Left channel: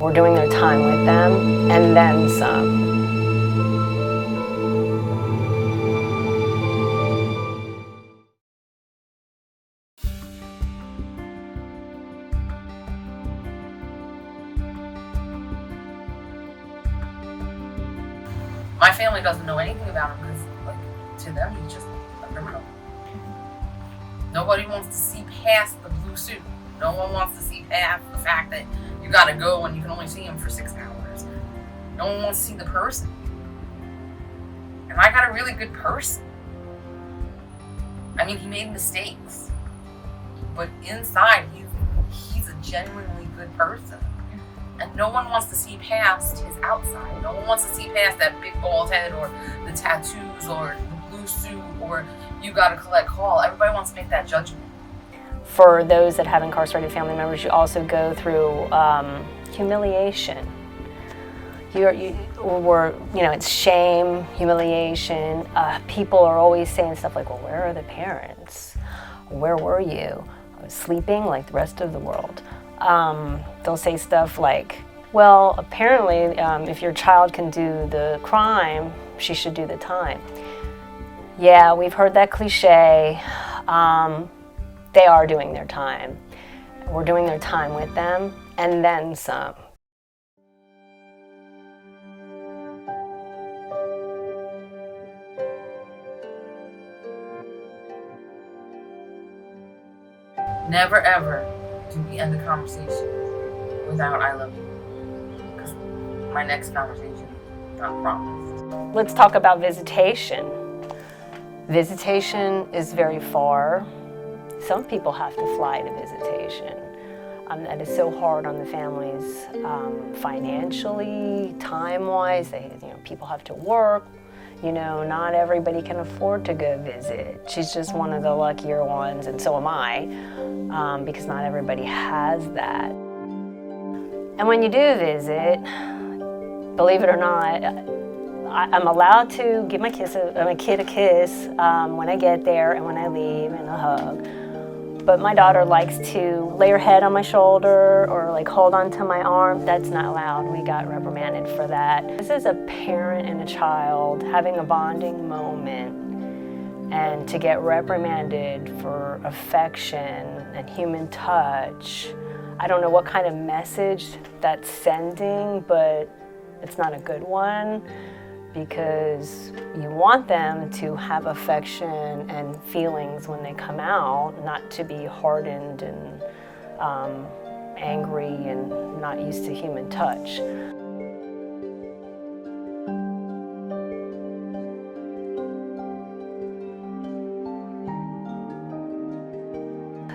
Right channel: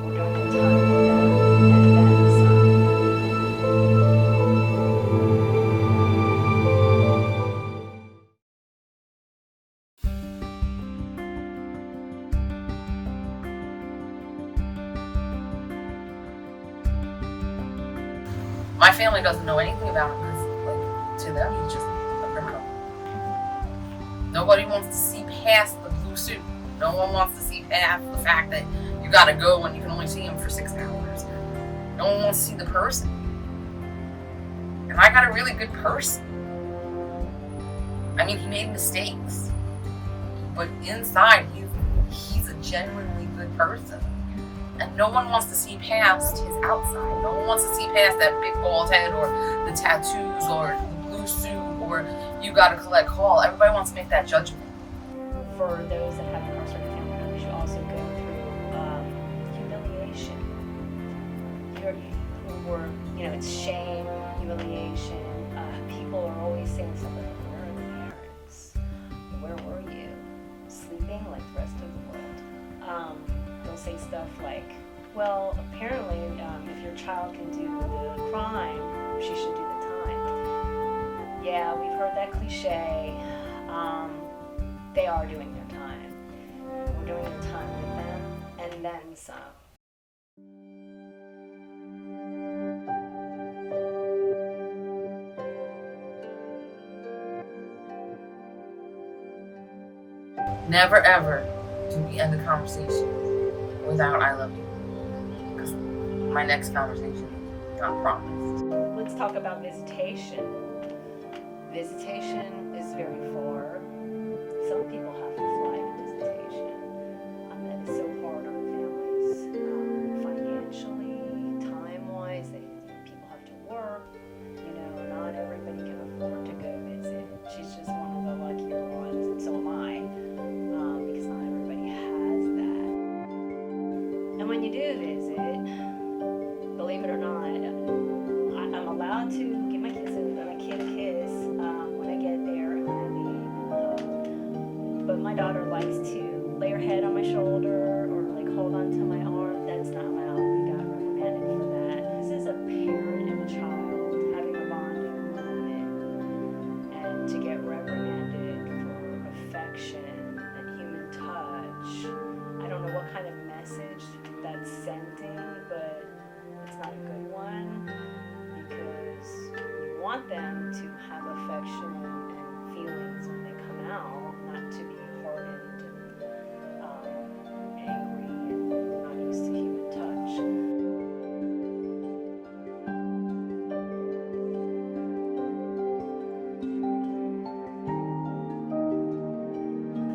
We're doing their time with them, and then some. My family doesn't know anything about him because, like, to them, he's just a criminal. Nobody wants to see past the blue suit. No one wants to see past the fact that you gotta go and you can only see him for 6 hours. No one wants to see the person. And I got a really good person. I mean, he made mistakes. But inside, he's a genuinely good person. And no one wants to see past his outside. No one wants to see past that big bald head or the tattoos or the blue suit or you gotta collect call. Everybody wants to make that judgment. For those that have incarcerated family members, you also go through humiliation. It's shame, humiliation. People are always saying stuff like, well, where are the parents? Where were you? I was sleeping like the rest of the world. They'll say stuff like, well, apparently if your child can do the crime, she should do the time. Yeah, we've heard that cliche. They are doing their time. We're doing their time with them, and then some. Never ever do we end a conversation without I love you. Because my next conversation, not promised. Let's talk about visitation. Visitation is very far. Some people have to fly to visitation. That is so hard on the families, financially, time-wise. People have to work. Not everybody can afford to go visit. She's just one of the luckier ones, and so am I, because not everybody has that. And when you do visit, believe it or not, I'm allowed to give my kid a kiss when I get there and when I leave, and a hug. But my daughter likes to lay her head on my shoulder or like hold onto my arm. That's not allowed. We got reprimanded for that. This is a parent and a child having a bonding moment, and to get reprimanded for affection and human touch, I don't know what kind of message that's sending, but it's not a good one, because you want them to have affection and feelings when they come out, not to be hardened and angry and not used to human touch.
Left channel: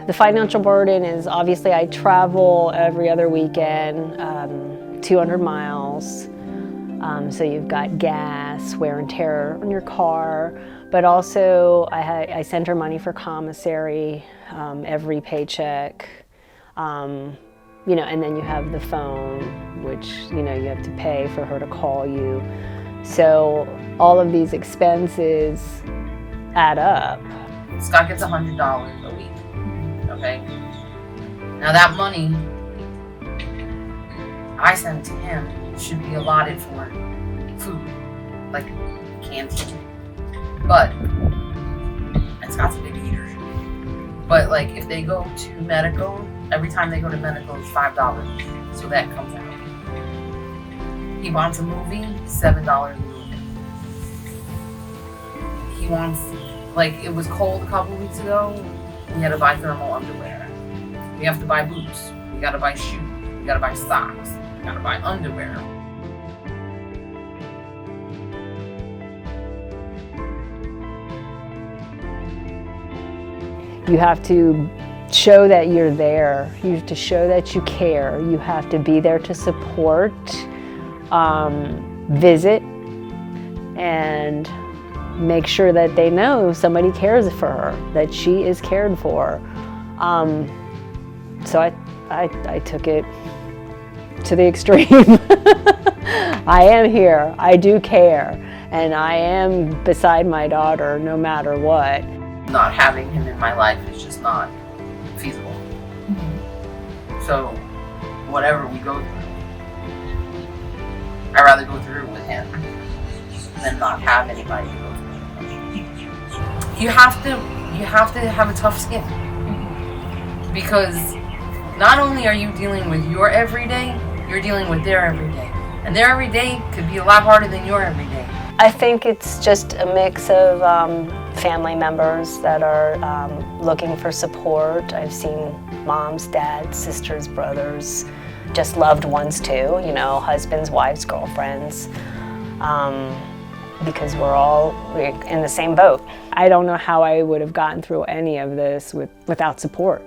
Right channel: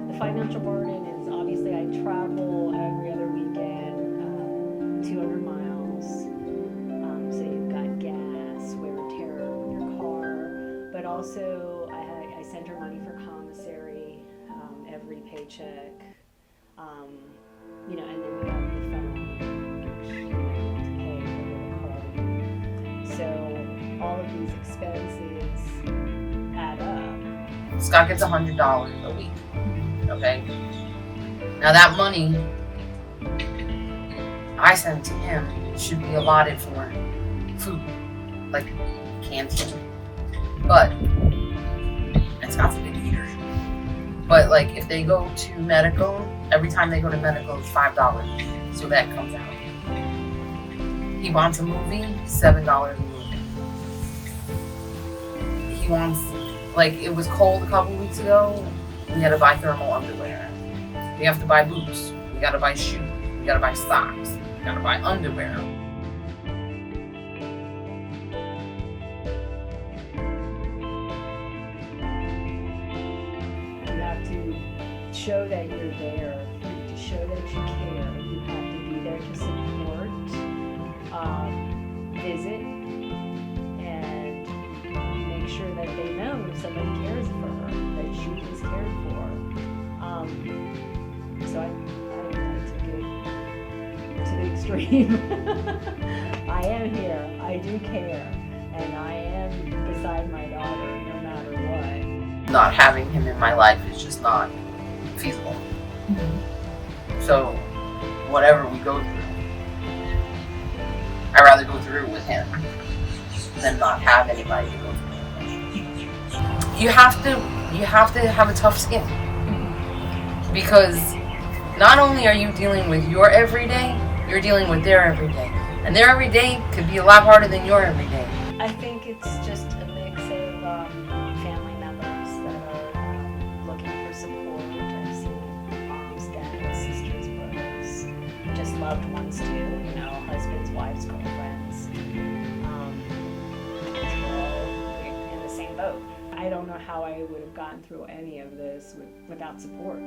The financial burden is obviously I travel every other weekend, 200 miles. So you've got gas, wear and tear on your car, but also I send her money for commissary every paycheck, and then you have the phone, which you have to pay for her to call you. So all of these expenses add up. Scott gets $100 a week, okay? Now that money I send to him should be allotted for food, like canned food. But, and Scott's a big eater, but like if they go to medical, every time they go to medical it's $5, so that comes out. He wants a movie, $7 a movie. He wants, like it was cold a couple weeks ago, we had to buy thermal underwear. We have to buy boots, we gotta buy shoes, we gotta buy socks, we gotta buy underwear. You have to show that you're there. You have to show that you care. You have to be there to support, visit, and make sure that they know somebody cares for her, that she is cared for. So I took it to the extreme. I am here, I do care, and I am beside my daughter no matter what. Not having him in my life is just not feasible. So whatever we go through, I'd rather go through with him than not have anybody to go through with him. You have to have a tough skin, because not only are you dealing with your everyday, you're dealing with their everyday. And their everyday could be a lot harder than your everyday. I think it's just a mix of family members that are looking for support. I've seen moms, dads, sisters, brothers, just loved ones too, you know, husbands, wives, girlfriends, because we're in the same boat. I don't know how I would have gotten through any of this without support.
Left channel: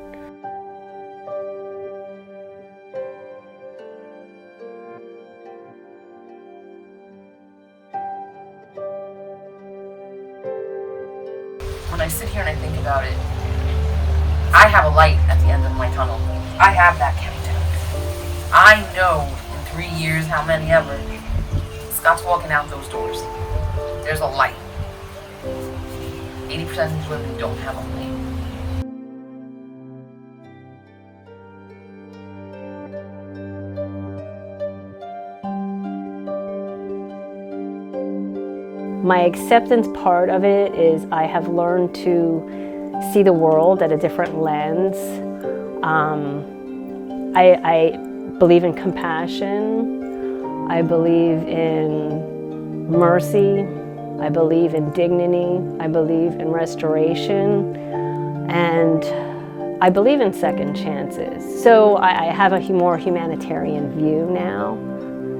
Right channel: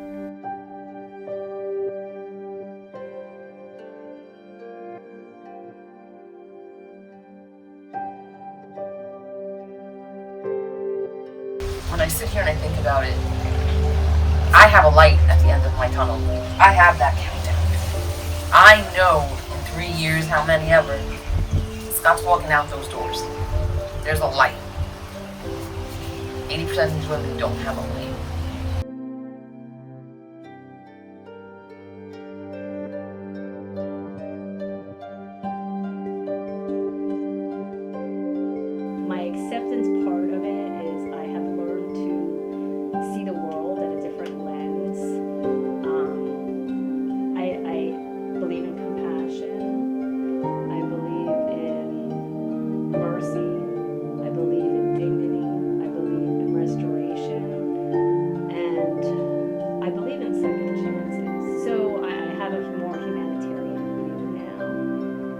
When I sit here and I think about it, I have a light at the end of my tunnel. I have that countdown. I know in 3 years, how many ever, Scott's walking out those doors. There's a light. 80% of these women don't have a light. My acceptance part of it is I have learned to see the world at a different lens. I believe in compassion. I believe in mercy. I believe in dignity. I believe in restoration. And I believe in second chances. So I have a more humanitarian view now,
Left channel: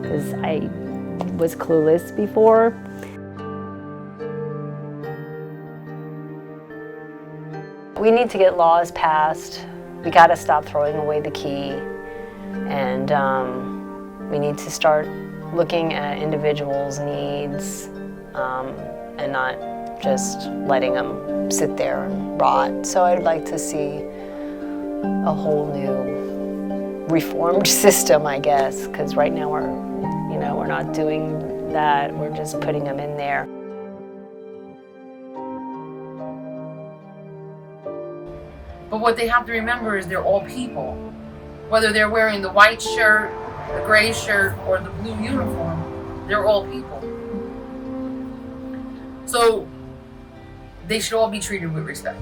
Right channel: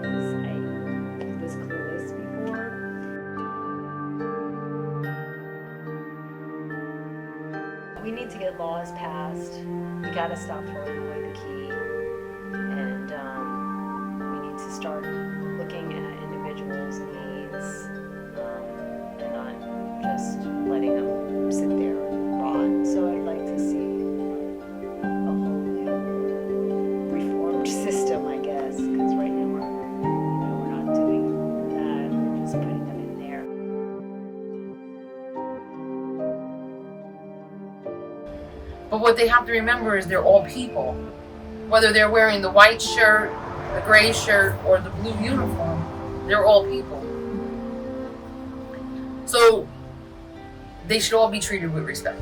because I was clueless before. We need to get laws passed. We got to stop throwing away the key, and we need to start looking at individuals' needs and not just letting them sit there and rot. So I'd like to see a whole new reformed system, I guess, because right now we're not doing that. We're just putting them in there. But what they have to remember is they're all people. Whether they're wearing the white shirt, the gray shirt, or the blue uniform, they're all people. So they should all be treated with respect.